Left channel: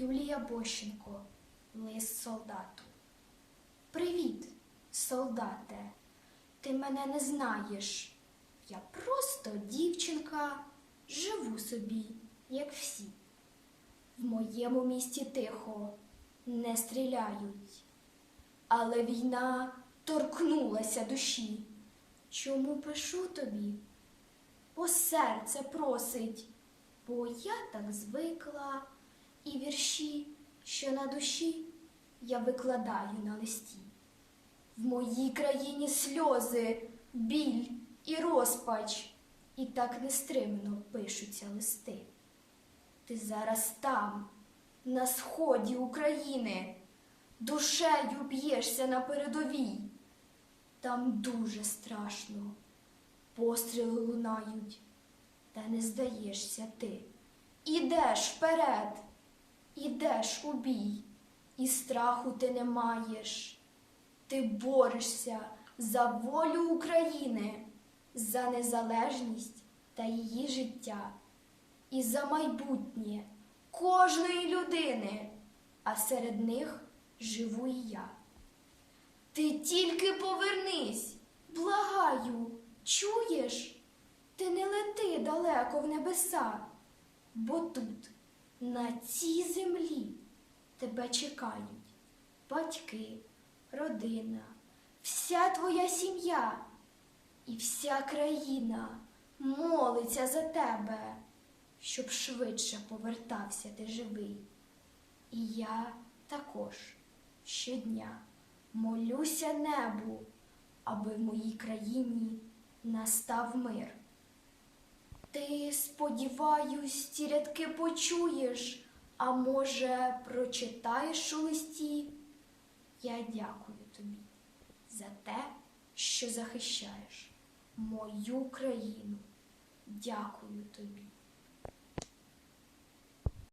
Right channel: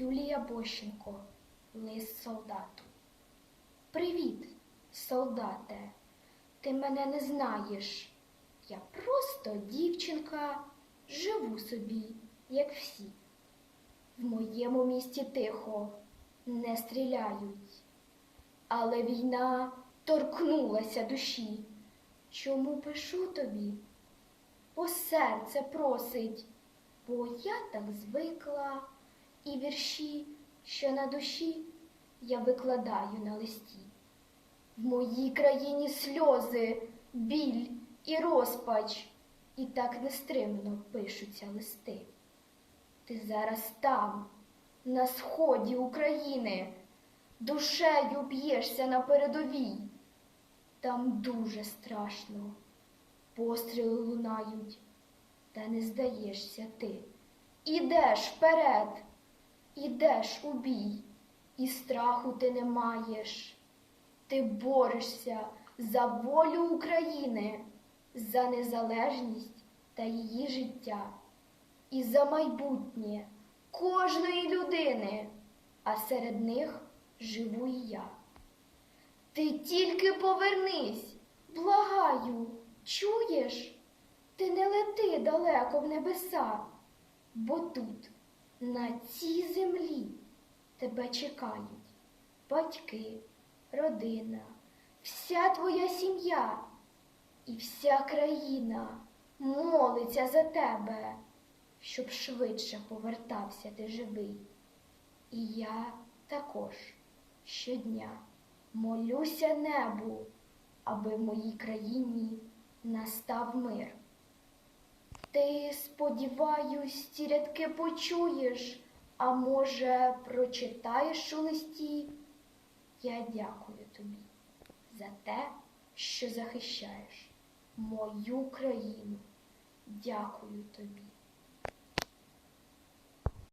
Юлія Бощенко, лист солдату. Привіт, солдате. Ти мене не знаєш. Я просто дівчинка, живу собі, як всі. В моєму місті тихо, не стріляють. Але війна торкнулася душі. Чому пишу тобі? Бо серце просить, бо я так звикла, і вірші, що на душі, я викладаю на листі. В моїй країні сльози, біль і розпач, і так нестримно пишуться листи. Ти зараз там, на сході України, душею б'єшся на передовій. Там дуже страшно, постріли лунають, та не здаєшся ти. Ідеш вперед, ідеш у бій, і страху ти не маєш. Ти борешся за волю України, за незалежність та її життя, і за майбутнє кожної людини, а серед них живу і я. Ти тільки повернись, благаю, чуєш? Ти не лети далеко в небеса, бо тут, на цій землі, тебе чекають батьки, родина, вся твоя сім'я і вся країна молиться за тебе, щоб швидше повертався ти живий. І я також щодня молюся небу, аби в моїй країні настав мир. Ти, сподіваюсь, ті рядки почуєш, а може, прочитаєш у листі? Я дякую тобі за те, що захищаєш мою країну. Дякую тобі.